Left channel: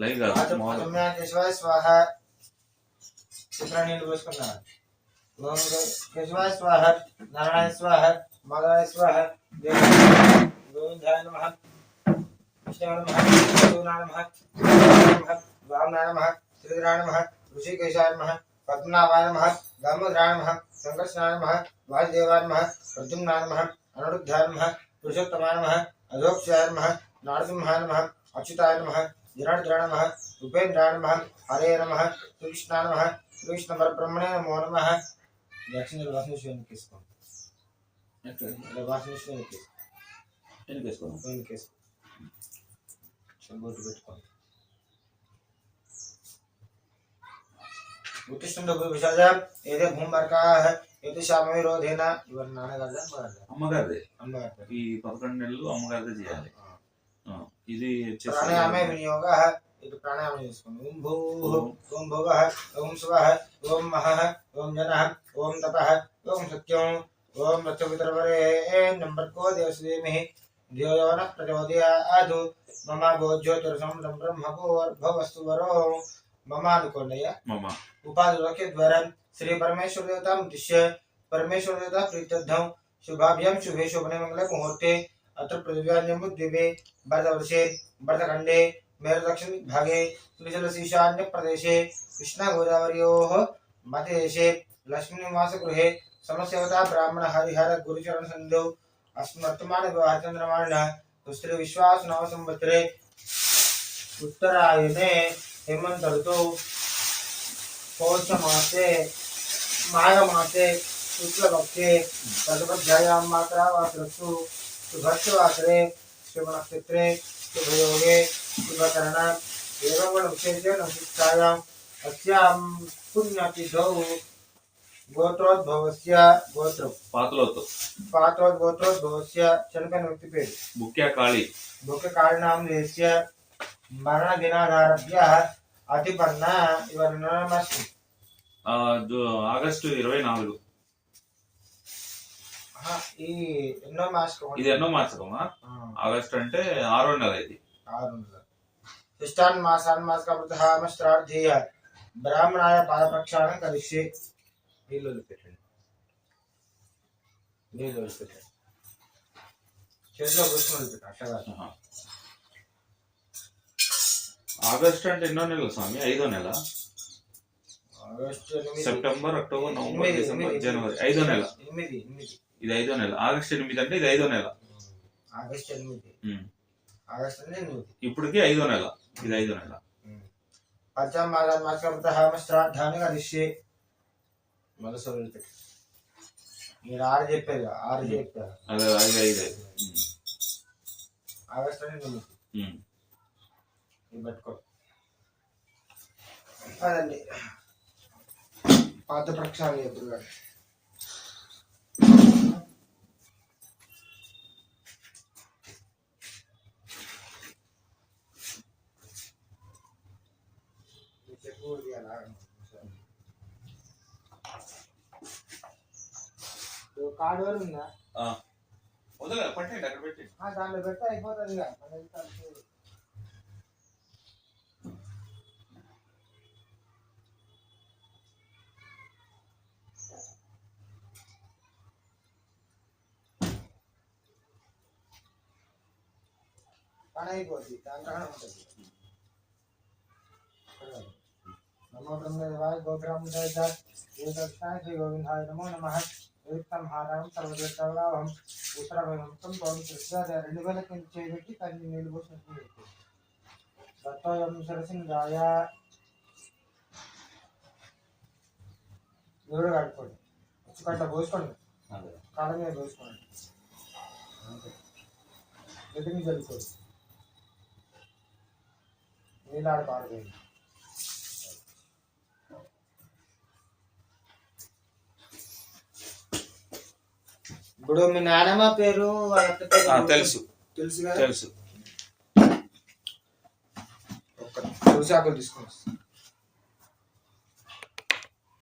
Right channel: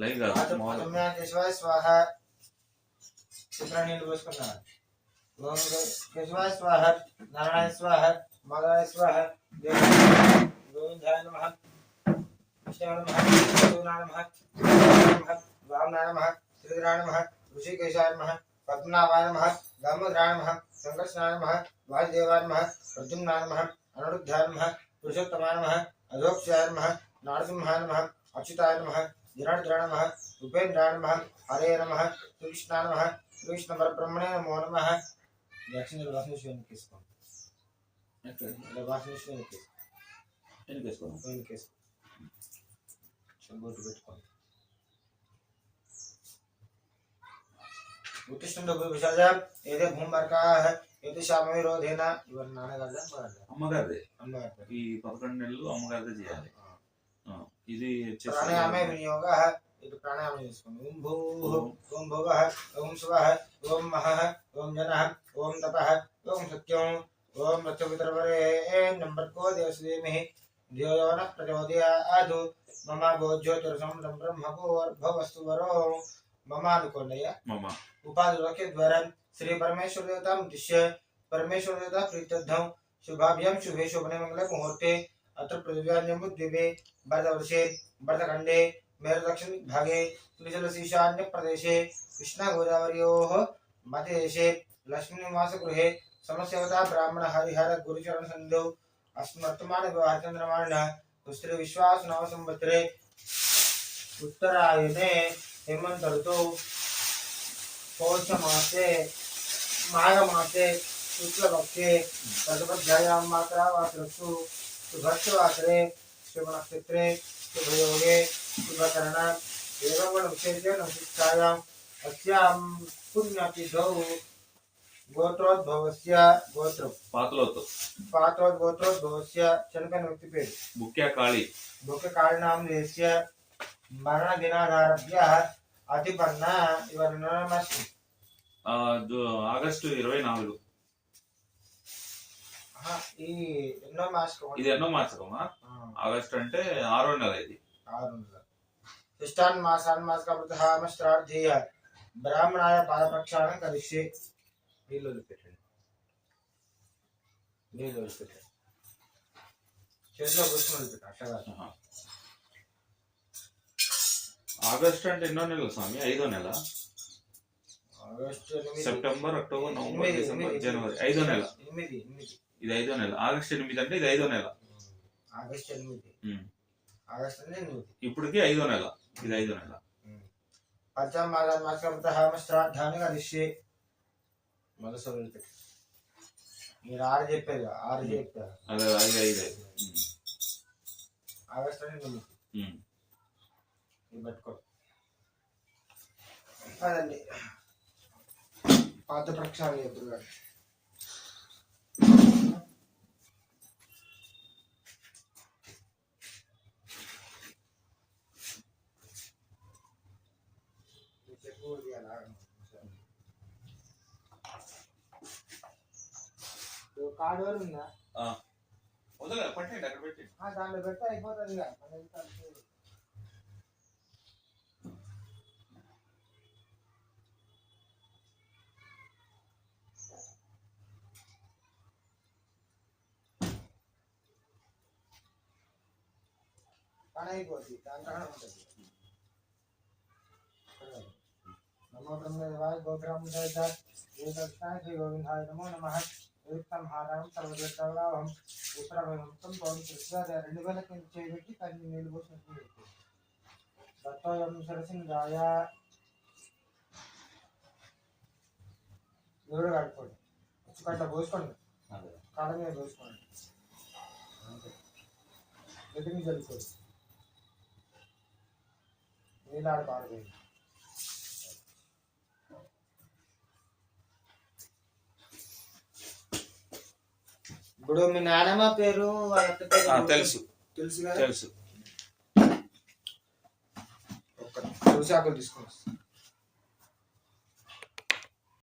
Live కేశవాయ స్వాహ నీళ్ళు పోసుకున్నారు. కేశవాయ స్వాహ, నారాయణ స్వాహ, మాధవాయ స్వాహ, గోవిందాయ నమః, కృష్ణాయ నమః, శివాయ నమః, వామనాయ నమః, శ్రీధరాయ నమః, ఋషికేశాయ నమః, పద్మనాభాయ నమః, దామోదరాయ నమః, సంకర్షణాయ నమః, వాసుదేవాయ నమః, ప్రద్యుమ్నాయ నమః, అనిరుద్ధాయ నమః, పురుషోత్తమాయ నమః, అధోక్షాయ నమః, నారసింహాయ నమః, అచ్యుతాయ నమః, జనార్దనాయ నమః, ఉపేంద్రాయ నమః, హరే నమః, శ్రీకృష్ణాయ నమః, శ్రీకృష్ణ పరబ్రహ్మణే నమో నమః. దక్షిణ వాసనేశ్వరుని తీసుకోండి. వాసనేశ్వరుని తీసుకోండి. బొట్టు పెట్టుకోండి. ఉత్తిష్ఠంలో విషాద ఏదే భూమర్కా ఏది శామవిరోధేన. ఇవన్నీ నాన్నగారిదా అమ్మగారిదే? అమ్మగారి. ఈ 11 నెలలు అమ్మగారిదే చేయాలి. ఇది ప్రాణాయామే వినియోగ. ఇది ప్రాణాయామం చేసుకోండి. ఓం భూ, ఓం భువ, ఓం శివ, ఓం మహ, ఓం జన, ఓం తప, ఓం సత్యం, ఓం రచ్చవితరవరే నంబర్ కో దేవస్వేమి ధియో న ప్రచోదయాదు మమ భోజ్యోతిరసం బ్రహ్మభోర్భవస్తు వరో మమ అనుకోండియ్యా. ఉపాధిలోకి ద్వారా శ్రీ పరమేశ్వర దేవతాం ఉద్దిశ్య परमेश्वर देवता प्रीत्यर्थम शुभाभ्याम शुभे शोभने मंगल मुहूर्ते अत्र पृथ्व्यान्यमुद्दिवे वर्षवर्षे वर्षखंडे मेरु दक्षिण भागे त्रिजलशीशान्य प्रदेशे कृष्णा गोदावर्योः मध्यदेशे लक्ष्मी निवास गृहे समस्यवता ब्राह्मण हरिहर गुरुचरण संधौ अस्मर्तमान विवाह चंद्रमाण स्त्री विश्वास नव संवत्सरे उत्तरायणे हेमंत ऋतौ पौष मासे माघ मासे शुक्लपक्षे प्रथमध्यायां मात्रावासरस्तु शुभक्षवासरे शुभनक्षत्रे शुभयोगे शुभकरण एवं विशेषेण शिक्षायाम् अस्यां पुण्यतिथौ गोत्रोद्भवस्य पात्रोद्भवस्य चनपन व्यक्ति पेड़ मुख्य कारणं देस्य मरण दिनादारभ्य अतिपन्न इवरनमस्तु ఆగస్టు 24 ఎన్నో మాసకం. ఇది ఎన్నో మాసకమా? ఆగస్టు అంటే 6వ నెల. ఇది 6వ నెల. శిష్టాన్ మాసాన్మాసకృతహామస్త్రార్థేయ బ్రాహ్మణాయ పాదప్రక్షాళనం కలిసి నీళ్ళు పెట్టండి. చేతిలో పుష్పం పెట్టండి. ఆగస్టు అంటే ఎన్నో నెలలు స్వామి? 5వ నెల. సెప్టెంబర్, అక్టోబర్, నవంబర్, డిసెంబర్, జనవరి 5వ నెల. ఇది 5వ నెల. ఆగస్టు 8 అంటే ఇది 5వ నెల. ఇప్పటికి 5వ నెల. ఇది 5వ నెల. మీరు 6 చెప్పారు. 6 చెప్పారు. అదే 5 ఆగస్టు పట్టుకో. అదండి పాత ప్రక్షాళన ఎప్పుడు కార్డు వరకు ఉందా? పట్టండి, అక్కడ పెట్టండి. దాంట్లో పెడితే అయిపోతుంది. పని అయిపోతుంది. దాంట్లో ఉంటుంది. నమో బ్రహ్మదేవాయ గోగ్రామ శ్రీ గోవిందాయ నమో నమః. హారం సర్వదేవతావహం ఉత్తరభం పౌరుష 2000 కింద చేయబెట్టి తల్లి నీళ్ళు పోసినట్టు దత్తోయం సరసింగాయ. దేవుడు కట్టుకోండి. వచ్చుకంట పోసుకోండి. కాళ్ళ మీద పోసుకోండి. ఎదురు చల్లుకోండి. నీళ్ళాడు పాడుకోండి. ఇప్పుడు మీ నాన్నమ్మ పేరు తెలుసు. తులసి ఆకులు తీసుకోండి.